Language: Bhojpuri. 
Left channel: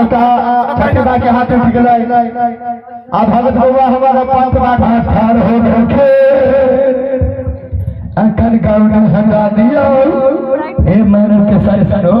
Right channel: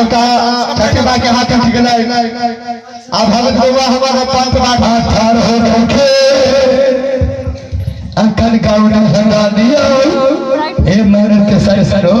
आवता चटका के हाथ उठ गए अब भगत बउआ हमारा पांच बार हाथ ठाड़ हो रखे अंकल गाउन हंगा दिया हे मरत सर सरो